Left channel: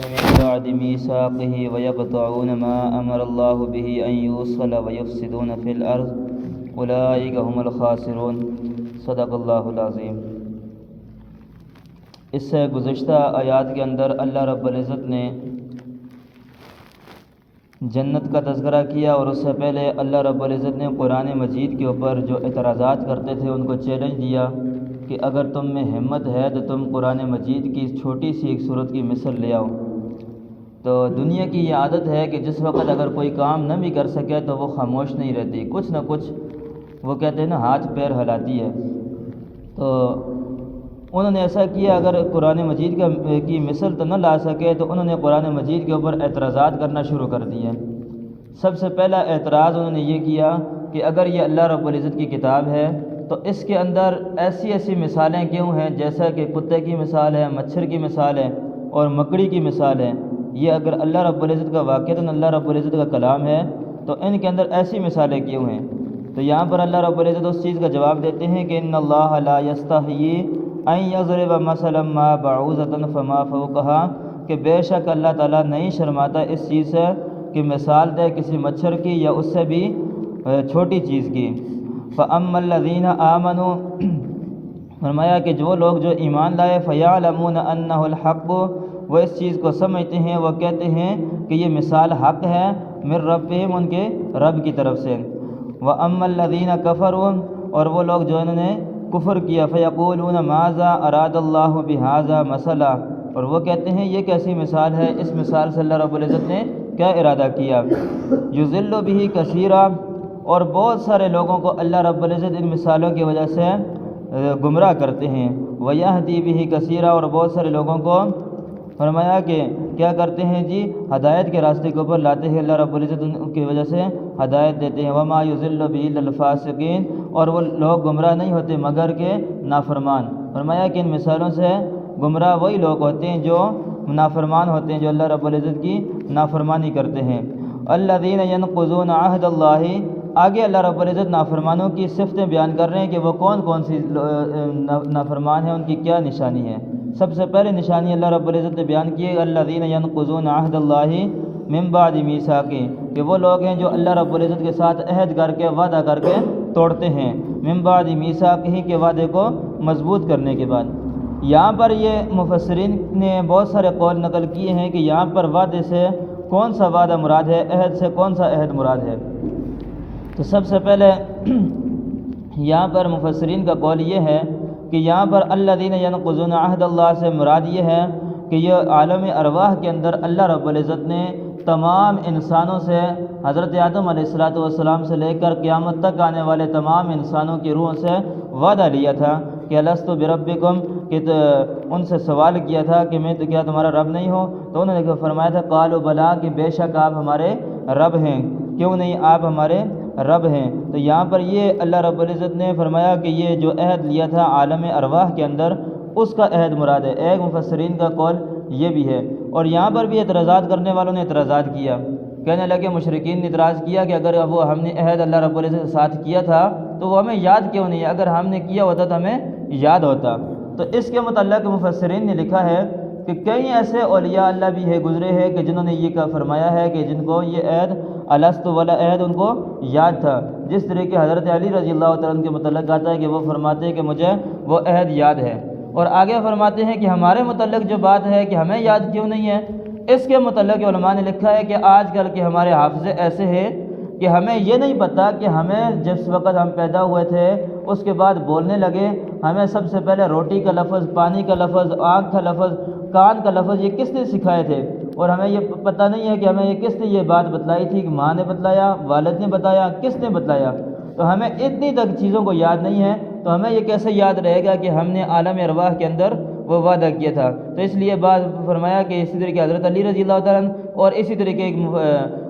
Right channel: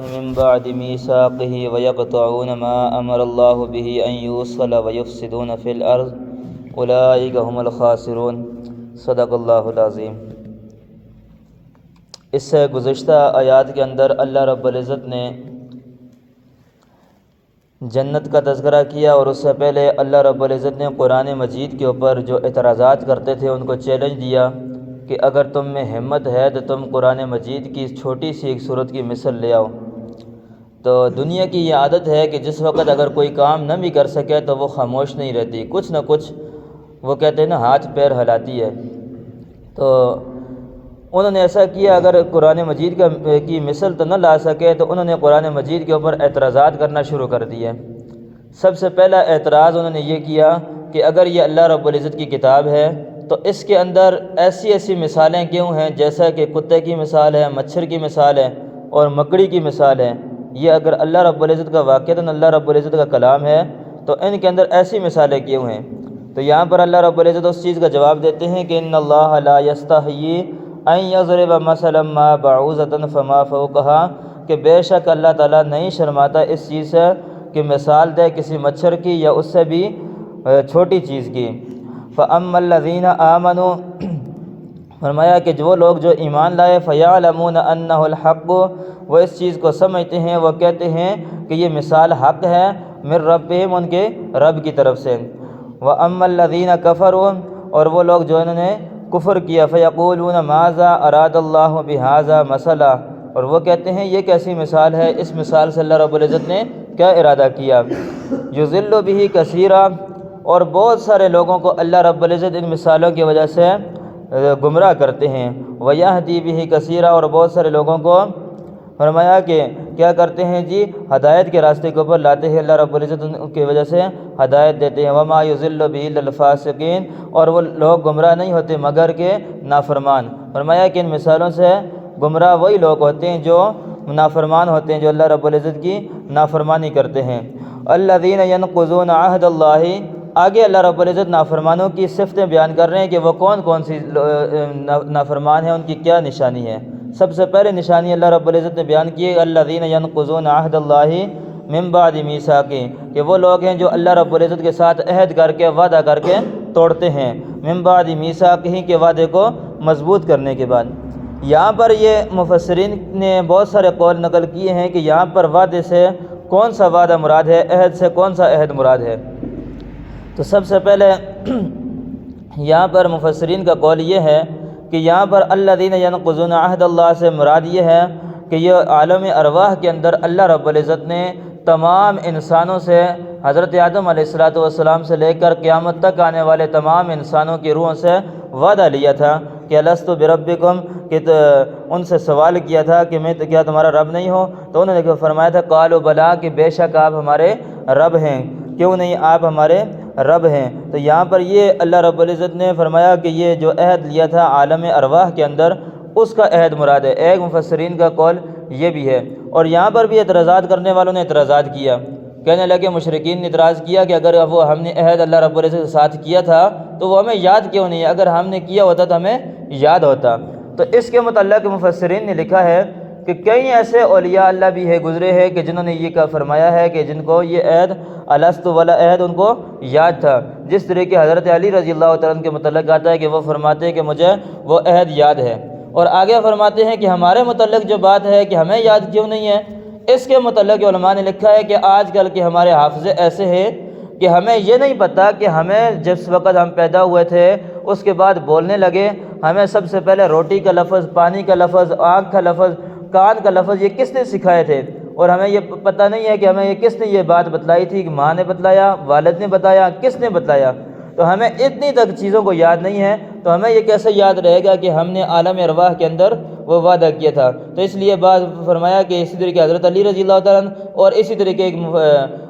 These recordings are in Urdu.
من بعد ميثاقه ويقطعون ما أمر الله به أن يوصل ويفسدون في الأرض أولئك هم الخاسرون صدق اللہ العظیم۔ اس سے گزشتہ آیات کے اندر اللہ رب العزت نے جنت کا تذکرہ کیا، اور اس سے پہلے اللہ رب العزت نے قرآن مجید کے اوپر جو اعتراضات کرتے تھے ان کو چیلنج دیا کہ اگر تم میں ہمت ہے تو تم قرآن مجید کی چھوٹی سی ایک صورت کی مثل لے آؤ۔ تو دنیا کی یہ عادت ہے کہ جس وقت اگر کوئی کام نہ بھی کر سکے تو وہ خاموش نہیں رہتی، کچھ نہ کچھ وہ کہتے ہیں نا ہاتھ پیر ہلاتی ہے۔ تو انہوں نے ایسا کیا، اگر قرآن مجید کی مثل تو نہ لا سکے تو انہوں نے قرآن مجید کے اوپر اعتراضات کرنا شروع کر دیے۔ سب سے پہلا اعتراض انہوں نے یہ کیا کہ اگر یہ اللہ رب العزت کی کتاب ہے تو اس کے اندر ایسی ایسی مثالیں کیوں ہیں، جیسا کہ کتے کی مثال ہے، مچھر کی مثال ہے اور مکڑی کی مثال ہے۔ یہ اگر اللہ رب العزت کا واقعتاً اللہ رب العزت کا کلام ہے تو ان کے اندر ایسی مثالیں کیوں ہیں؟ تو یہاں پر اللہ رب العزت اس چیز کا جواب دیتے ہیں کہ ان اللہ لا یستحیی ان یضرب مثلا ما بعوضۃ فما فوقها، کہ بے شک اللہ تعالیٰ نہیں شرماتا اس چیز سے کہ مثال دے کسی مچھر کی یا اس سے بھی چھوٹی چیز کی۔ فَأَمَّا الَّذِينَ آمَنُوا، فرمایا کہ جو لوگ جو ایمان لائے، فَيَعْلَمُونَ أَنَّهُ الْحَقُّ، وہ اس چیز کو سمجھتے ہیں، وہ کہتے ہیں کہ یہ مثال حق ہے، من ربہم، ان کے رب کی طرف سے۔ وَأَمَّا الَّذِينَ كَفَرُوا، اور وہ لوگ جو انہوں نے کفر کیا، فَيَقُولُونَ مَاذَا أَرَادَ اللَّهُ بِهَذَا مَثَلًا، اور وہ کہتے ہیں یہ کیسی مثال ہے، اس مثال سے اللہ رب العزت نے کیا ارادہ کیا۔ یضل بہ کثیرا، اور بہت سارے لوگوں کو اللہ رب العزت ان مثالوں کی وجہ سے گمراہ کرتے ہیں۔ ویہدی بہ کثیرا، اور بہت سارے لوگوں کو فرمایا کہ کیا کرتے ہیں جی، ہدایت کے راستے کے اوپر لاتے ہیں، اللہ رب العزت ان کی وجہ سے ہدایت دیتے ہیں۔ وما یضل بہ الا الفاسقین، اور وہ لوگ گمراہ نہیں ہوتے مگر کہ نافرمان۔ فرمایا کہ ان مثالوں سے گمراہ وہی لوگ ہوتے ہیں جو نافرمان ہوتے ہیں، جو اللہ رب العزت کی نافرمانی کرتے ہیں۔ الذین ینقضون عہد اللہ، آگے اللہ رب العزت نافرمانوں کی صفتیں بیان کر رہے ہیں کہ وہ کون کون سی نافرمان ہیں، ان کی کیا نشانی ہے۔ سب سے پہلے نشانی اللہ رب العزت نے بیان کی ہے، الذین ینقضون عہد اللہ من بعد میثاقہ، کہ وہ لوگ ہیں جو اللہ رب العزت کے ساتھ عہد کر کے وعدہ کر کے توڑتے ہیں، من بعد میثاقہ، کے وعدے کو مضبوط کرنے کے بعد۔ یہاں پر یہ مفسرین نے بہت سارے قول نقل کیے ہیں کہ یہاں پر وعدے سے کون سا وعدہ مراد ہے، عہد سے کون سا عہد مراد ہے۔ تو سب سے پہلے یہاں پر مفسرین کا قول یہ ہے کہ یہاں پر الذین ینقضون عہد اللہ سے مراد یہ ہے کہ یہ عالم ارواح کے اندر اللہ رب العزت نے تمام انسانوں سے، حضرت آدم علیہ السلام سے لے کر قیامت تک آنے والے تمام انسانوں کی روحوں سے وعدہ لیا تھا کہ الست بربکم، کہ ان سے سوال کیا تھا کہ میں کیا تمہارا رب نہیں ہوں؟ تو انہوں نے فرمایا تھا قالوا بلا، کہ بے شک آپ ہمارے رب ہیں، کیوں نہیں آپ ہمارے رب ہیں۔ تو یہاں پر یہ اللہ رب العزت نے فرمایا کہ یہ جو عہد لیا تھا عالم ارواح کے اندر، اس کا عہد مراد ہے۔ ایک مفسرین کا قول یہ بھی ہے، اور یہاں پر بھی اعتراضات کرنے والوں نے اعتراضات کیا، کہنے لگے، مشرکین نے اعتراض کیا کہ اگر وہ ہم نے عہد اللہ رب العزت کے ساتھ کیا تھا تو وہ ہمیں یاد کیوں نہیں ہے، اگر ہم نے کیا ہوتا تو ہمیں یاد ہوتا۔ تو اس کے متعلق مفسرین نے لکھا ہے کہ کئی ایسے اولیاء اللہ بھی ہے گزرے ہیں کہ جنہوں نے یہ فرمایا ہے کہ جن کو یہ عہد الست والا عہد ان کو یاد تھا، جس طریقے حضرت علی رضی اللہ تعالیٰ عنہ کے متعلق آتا ہے کہ وہ فرماتے ہیں کہ مجھے وہ عہد یاد ہے، اور آگے فرماتے ہیں کہ ہمارے متعلق جو بات ہے کہ ہمیں یاد کیوں نہیں ہے، اس کے متعلق علماء نے لکھا ہے کہ آج کل کے ہمارے حافظے ایسے ہیں کہ ہمیں یہ نہیں پتہ کہ ہمیں جس وقت ہم پیدا ہوئے تھے اس کے بعد بولنے لگے، ہمیں سب سے پہلے روٹی کا لفظ، پانی کا لفظ، آنکھ کا لفظ، کان کا لفظ یہ کس نے سکھائے تھے، اور ہمیں یہ پتہ نہیں ہے کہ ہمیں یہ کس نے یہ بات بتلائی تھی، کہ ماں نے بتلایا، والد نے بتایا، کس نے بتلایا۔ تو ہمیں اتنی تک چیزوں کو یاد نہیں ہے، تو ہمیں یہ کیسے یاد رہے گا کہ ہم نے عالم ارواح کے اندر وہ وعدہ کیا تھا۔ تو اس لیے بعد فرمایا کہ اسی طریقے حضرت علی رضی اللہ تعالیٰ عنہ اور اسی طریقے ایک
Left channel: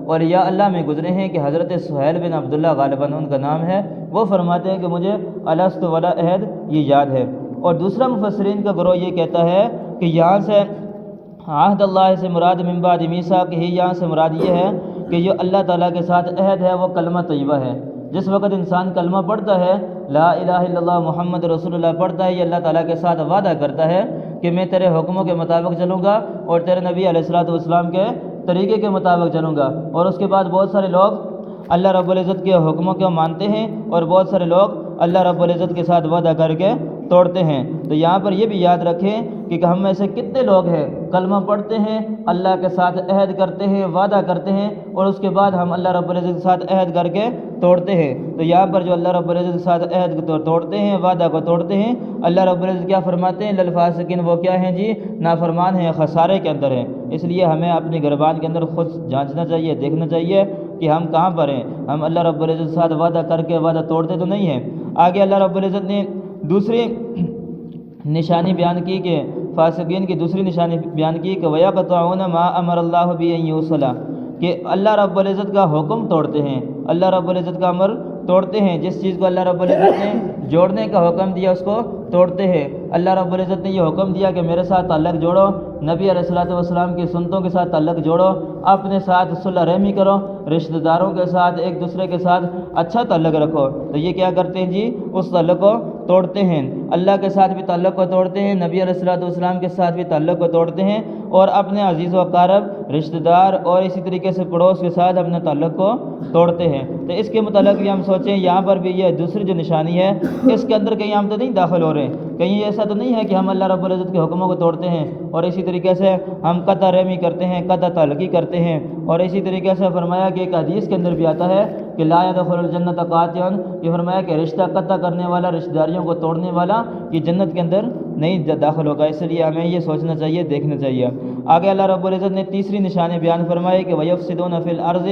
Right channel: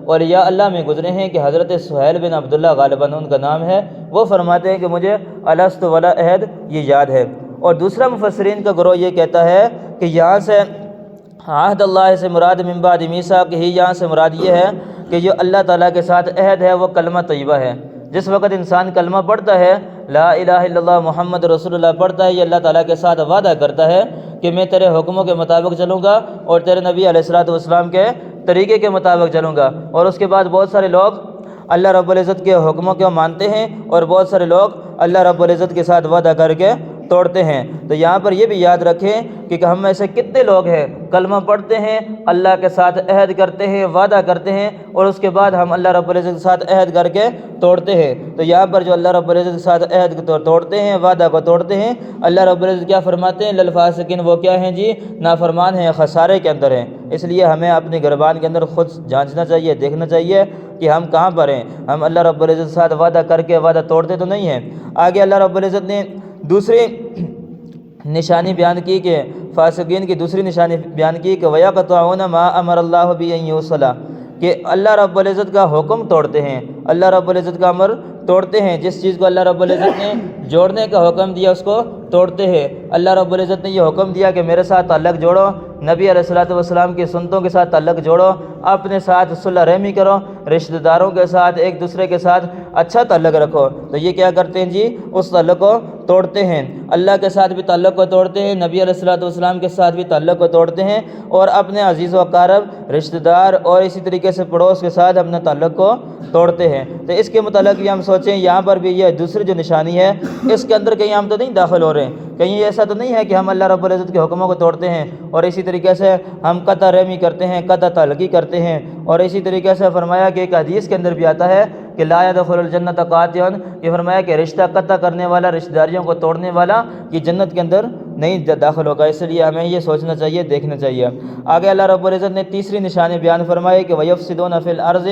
اولیاء اللہ میں گزرے ہیں کہ حضرت سہیل بن عبداللہ غالباً ان کا نام ہے، وہ فرماتے ہیں کہ مجھے الست والا عہد یہ یاد ہے۔ اور دوسرا مفسرین کا گروہ یہ کہتا ہے کہ یہاں سے عہد اللہ سے مراد من بعد میثاقہ، یہاں سے مراد یہ ہے کہ جو اللہ تعالیٰ کے ساتھ عہد ہے وہ کلمہ طیبہ ہے۔ جس وقت انسان کلمہ پڑھتا ہے، لا الہ الا اللہ محمد رسول اللہ پڑھتا ہے، یہ اللہ تعالیٰ کے ساتھ وعدہ کرتا ہے کہ میں تیرے حکموں کے مطابق چلوں گا اور تیرے نبی علیہ الصلوۃ والسلام کے طریقے کے مطابق چلوں گا۔ اور اس کے بعد بہت سارے لوگ اللہ رب العزت کے حکموں کو مانتے ہیں اور بہت سارے لوگ اللہ رب العزت کے ساتھ وعدہ کر کے توڑتے ہیں۔ تو یہاں پر یہ بھی یاد رکھیں کہ ہم میں سے کتنے لوگ ہیں کلمہ پڑھتے ہیں، اللہ کے ساتھ عہد کرتے ہیں، وعدہ کرتے ہیں، اور اس کے بعد ہم اللہ رب العزت کے ساتھ عہد کر کے توڑتے ہیں۔ تو یہاں پر جو اللہ رب العزت کے ساتھ عہد توڑتے ہیں، وعدہ کو توڑتے ہیں، اللہ رب العزت کیا فرماتے ہیں؟ للفاسقین، وہ کیا ہیں جی؟ نافرمان ہیں، خسارے کے اندر ہیں۔ اس لیے ہمیں اپنی گربان کے اندر خود جانچنا چاہیے، دیکھنا چاہیے کہ ہم کہاں پر ہیں۔ ہم اللہ رب العزت کے ساتھ وعدہ کر کے وعدہ توڑتے تو نہیں ہیں۔ آگے اللہ رب العزت نے دوسری نشانی بیان کی کہ فاسقین کی دوسری نشانی بیان کی کہ وَيَقْطَعُونَ مَا أَمَرَ اللَّهُ بِأَن يُوصَلَ، کہ اللہ رب العزت کا حکم توڑتے ہیں، اللہ رب العزت کا امر توڑتے ہیں۔ جس چیز کو اللہ رب العزت نے جوڑنے کا حکم دیا اس کو توڑتے ہیں۔ اللہ رب العزت نے یہ حکم دیا کہ میرے ساتھ تعلق جوڑو، نبی علیہ الصلوۃ والسلام کی سنتوں کے ساتھ تعلق جوڑو، اپنے ساتھ صلح رحمی کرو، رشتہ داروں کے ساتھ ایک دوسرے کے ساتھ اچھا تعلق رکھو۔ تو یہ کیا کرتے ہیں جی؟ اس تعلق کو توڑتے ہیں، اللہ کے ساتھ بھی تعلق کو توڑتے ہیں، نبی علیہ الصلوۃ والسلام کے ساتھ بھی تعلق کو توڑتے ہیں، اور اپنے عزیز و اقارب، رشتہ دار اور اسی طریقے سے پڑوس کے ساتھ اپنے تعلق کو توڑتے ہیں۔ تو اس کے متعلق بھی ہم سوچیں، یہاں پر بھی یہ دوسری جو نشانی ہے اس کے اندر کہیں ہم تو نہیں داخل ہو رہے ہیں، کہیں ایسا تو نہیں ہے کہ ہم اللہ رب العزت کے حکموں کو توڑتے ہیں اور اسی طریقے سے ہم قطع رحمی کرتے ہیں، قطع تعلقی کرتے ہیں۔ اور اسی طریقے سے فرمایا کہ ایک حدیث کے اندر بھی آتا ہے کہ لا يدخل الجنت قاطع، یہ فرمایا کہ رشتہ قطع کرنے والا، رشتہ داریوں کو توڑنے والا یہ جنت کے اندر نہیں داخل ہوگا۔ اس لیے ہمیں یہ سوچنا چاہیے، دیکھنا چاہیے۔ آگے اللہ رب العزت نے تیسری نشانی بیان فرمائی کہ وَيَفْسِدُونَ فِي الْأَرْضِ،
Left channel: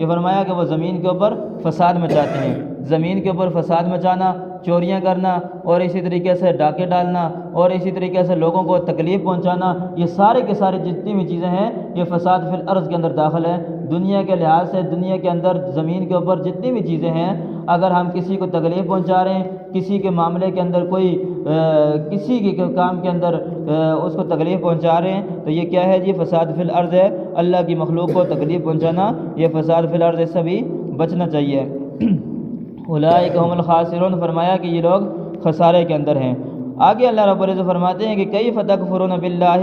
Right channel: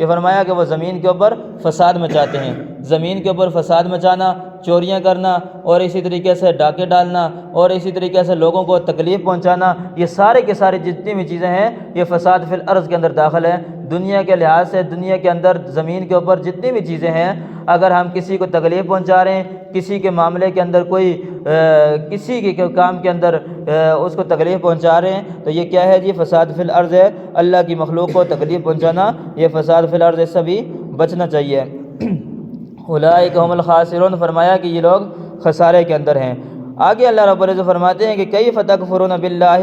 یہ فرمایا کہ وہ زمین کے اوپر فساد مچاتے ہیں۔ زمین کے اوپر فساد مچانا، چوریاں کرنا، اور اسی طریقے سے ڈاکے ڈالنا، اور اسی طریقے سے لوگوں کو تکلیف پہنچانا، یہ سارے کے سارے جتنی بھی چیزیں ہیں یہ فساد فی الارض کے اندر داخل ہے۔ دنیا کے لحاظ سے دنیا کے اندر زمین کے اوپر جتنی بھی چیزیں ہیں، اگر ہم کسی کو تکلیف پہنچا رہے ہیں، کسی کے معاملے کے اندر کوئی کسی کے کام کے اندر اس کو تکلیف پہنچا رہے ہیں، تو یہ کیا ہے جی؟ فساد فی الارض ہے۔ اللہ کی مخلوق کو تکلیف پہنچانا یہ فساد فی الارض، اس سے بھی بچنا چاہیے۔ اولئک هم الخاسرون، فرمایا کہ یہ لوگ خسارے کے اندر ہیں۔ آگے اللہ رب العزت فرماتے ہیں کہ کیف تکفرون باللہ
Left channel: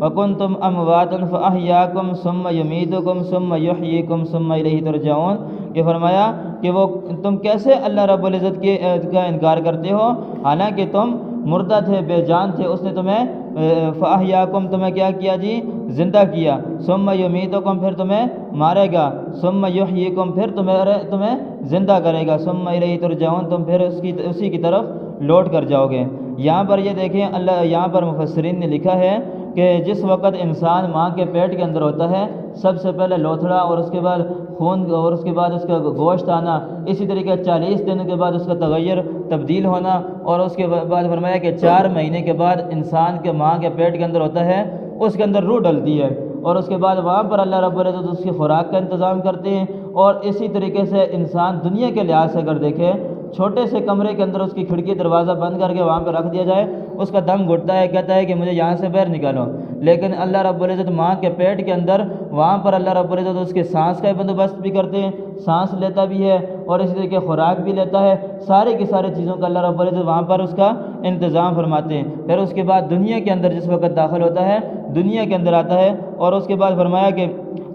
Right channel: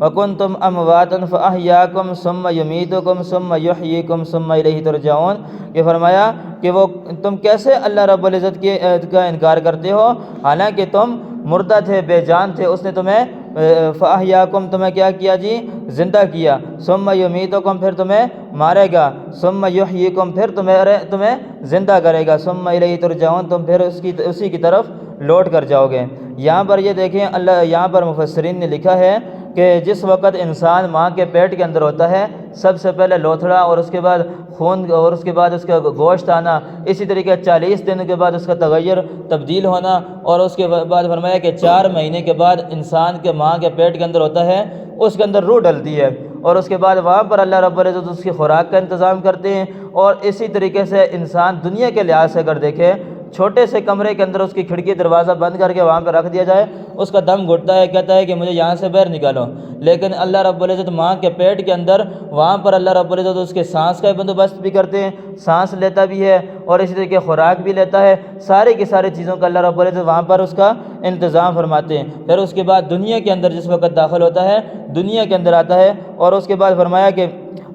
وکنتم امواتا فاحیاکم ثم یمیتکم ثم یحییکم ثم الیہ ترجعون، یہ فرمایا کہ وہ تم کیسے اللہ رب العزت کا انکار کرتے ہو حالانکہ تم مردہ تھے، بے جان تھے، اس نے تمہیں فاحیاکم، تمہیں کیا کیا جی؟ زندہ کیا، ثم یمیتکم، پھر تمہیں مارے گا، ثم یحییکم، پھر تمہیں زندہ کرے گا، ثم الیہ ترجعون، تم پھر اسی کی طرف لوٹ کر جاؤ گے۔ یہاں پر یہ دیکھیں، اللہ یہاں پر مفسرین نے لکھا ہے کہ جس وقت انسان ماں کے پیٹ کے اندر ہوتا ہے، سب سے پہلے لوتھڑا اور اس کے بعد خون اور اس کے بعد اس کا گوشت آنا، اسی طریقے 40 دن کے بعد اس کا تغیر تبدیل ہونا، اور اس کے بعد فرمایا کہ 4 مہینے کے بعد انسان کے ماں کے پیٹ کے اندر ہوتا ہے، اس کے اندر روح ڈلتی ہے، اور اس کے بعد وہاں پر اللہ رب العزت اس کی خوراک کا انتظام کرتے ہیں۔ اور اسی طریقے سے انسان دنیا کے لحاظ سے اگر دیکھے، چھوٹے سے کمرے کے اندر اس کی کھڑکی دروازہ بند کر کے وہاں پہ رکھ دیا جائے، اس کا دم گھٹتا ہے، کہتا ہے کہ مجھے یہاں سے باہر نکالو۔ لیکن اللہ رب العزت ماں کے پیٹ کے اندر، وہاں پر اللہ رب العزت اس کے سانس کا بندوبست بھی کرتے ہیں، سانس لیتا بھی ہے اور اسی طریقے خوراک بھی لیتا ہے، سارے کی ساری چیزوں کا اللہ رب العزت وہاں پر اس کا انتظام فرماتے ہیں۔ پھر اس کے بعد دنیا کے اندر جس وقت داخل ہوتا ہے، دنیا کے اندر آتا ہے، اور اس کے بعد فرمایا کہ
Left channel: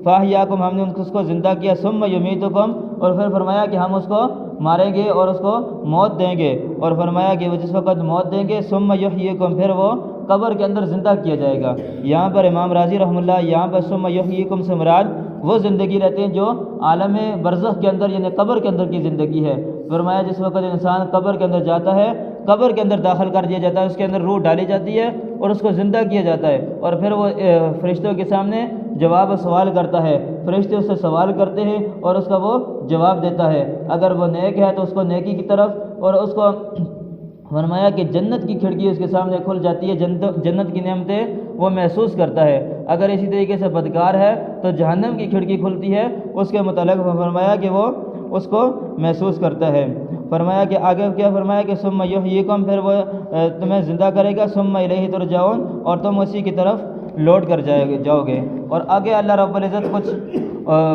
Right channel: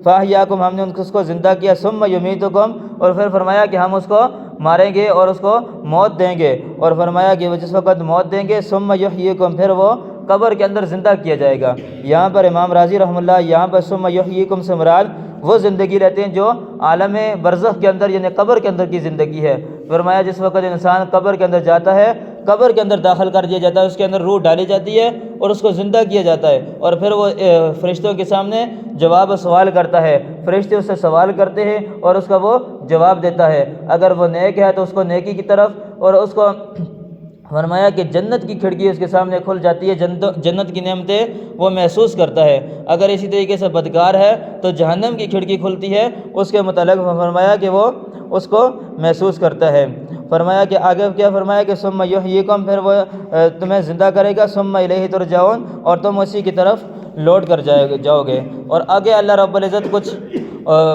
فاحیاکم، ہم نے اس کو زندہ کیا، ثم یمیتکم، اور پھر فرمایا کہ ہم اس کو ماریں گے اور اس کو موت دیں گے، اور فرمایا کہ وہ جس وقت موت دیں گے، ثم یحییکم، پھر وہ قبر کے اندر زندہ کیا جائے گا۔ یہاں پر امام راضی رحمہ اللہ یہاں پر ثم یحییکم سے مراد وہ زندگی لیتے ہیں جو عالم برزخ کے اندر یعنی قبر کے اندر کی زندگی ہے۔ فرمایا جس وقت انسان قبر کے اندر جاتا ہے، قبر کے اندر داخل کر دیا جاتا ہے، اس کے اندر روح ڈالی جاتی ہے اور اس کو زندہ کیا جاتا ہے، اور پھر وہ فرشتوں کے سامنے جواب سوال کرتا ہے، فرشتے اس سے سوال کرتے ہیں اور اس کا وہ جواب دیتا ہے۔ اگر وہ نیک ہے تو اس کو نیکی کی طرف، اور اس کو فرمایا کہ جنت کی کھڑکی اس کے سامنے کھل جاتی ہے، جنت کی نعمتیں وہ محسوس کرتا ہے۔ اگر اسی طریقے سے بدکار ہے تو جہنم کی کھڑکی کھلتی ہے، اس کے متعلق فرمایا کہ وہ اس کو محسوس کرتا ہے۔ فرمایا کہ آگے کیا فرمایا کہ ثم یحییکم، پھر وہ تمہیں زندہ کرے گا، ثم الیہ ترجعون، اور تم اسی کی طرف لوٹ کر جاؤ گے۔ اور آگے اللہ رب العزت کچھ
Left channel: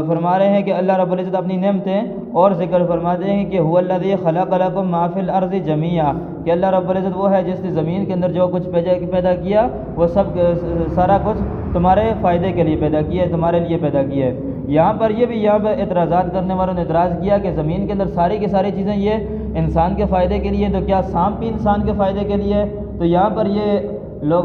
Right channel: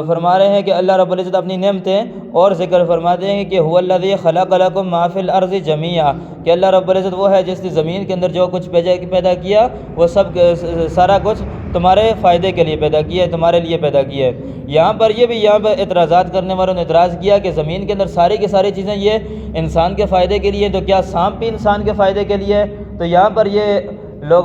فرما رہے ہیں کہ اللہ رب العزت اپنی نعمتیں اور ذکر فرماتے ہیں کہ هو الذی خلق لکم ما فی الارض جمیعا، کہ اللہ رب العزت وہ ہے جس نے زمین کے اندر جو کچھ پیدا کیا وہ سب سارا کچھ تمہارے فائدے کے لیے پیدا کیا ہے، تمہارے لیے پیدا کیا ہے۔ یہاں پر اعتراضات کرنے والوں نے اعتراض کیا کہ زمین کے اندر ساری کی ساری چیزیں یہ انسان کے فائدے کے لیے، تو کیا سانپ بھی انسان کے فائدے کے لیے ہے؟ تو یہاں پر یہ لوگ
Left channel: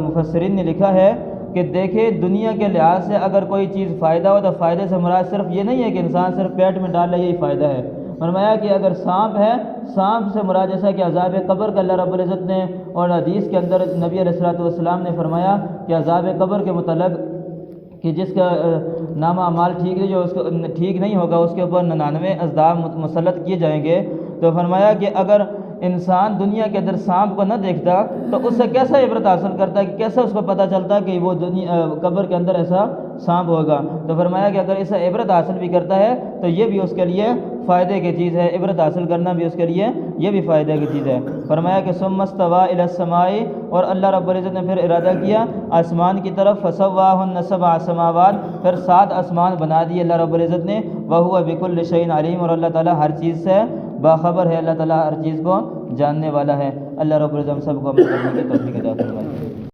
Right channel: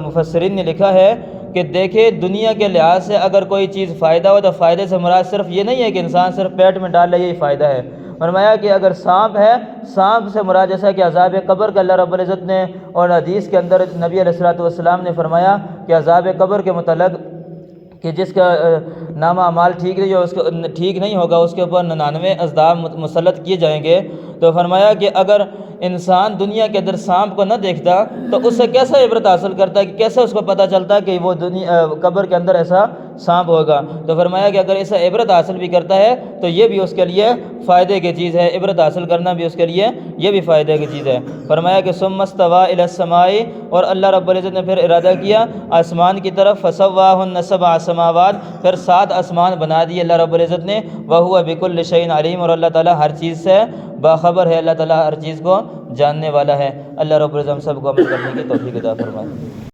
مفسرین نے لکھا ہے کہ دیکھیں دنیا کے لحاظ سے اگر کوئی چیز فائدہ ہو تو فائدے سے مراد صرف یہ نہیں ہے کہ انسان صرف پیٹ میں ڈال لے یہی فائدہ ہے۔ فرمایا کہ اگر سانپ ہے، سانپ سے مراد جیسا کہ عذاب قبر کا اللہ رب العزت نے اور حدیث کے اندر نبی علیہ الصلوۃ والسلام نے فرمایا کہ عذاب قبر کے متعلق کہ جس کا نامہ اعمال ٹھیک نہیں ہوگا اس کے اوپر 99 عذاب مسلط کیے جائیں گے۔ تو فرمایا کہ اگر انسان دنیا کے اندر سانپ کو نہ دیکھتا تو اس سے کیسا عبرت حاصل کرتا کہ کیسے اس کو پتہ چلتا کہ وہ قبر کے اندر ایسا سانپ ہوگا؟ تو فرمایا کہ اگر اسے عبرت حاصل بھی کرتا ہے تو یہ بھی اس کے لیے فائدے کی چیز ہے، عبرت حاصل کرنا بھی اس کے لیے یہ بھی فائدے کی چیز ہے۔ فرمایا کہ ثم استوى الى السماء، اور اللہ رب العزت نے پھر ارادہ کیا آسمان کی طرف، فسواهن 7 سماوات، پھر 7 آسمان بنا دیے اللہ رب العزت نے، وهو بكل شيء علیم، اور اللہ تعالیٰ ہر چیز سے باخبر ہے، اللہ تعالیٰ ہر چیز کو جاننے والا ہے۔ اللہ رب العزت ہم سب کو عمل کرنے کی توفیق عطا فرمائے۔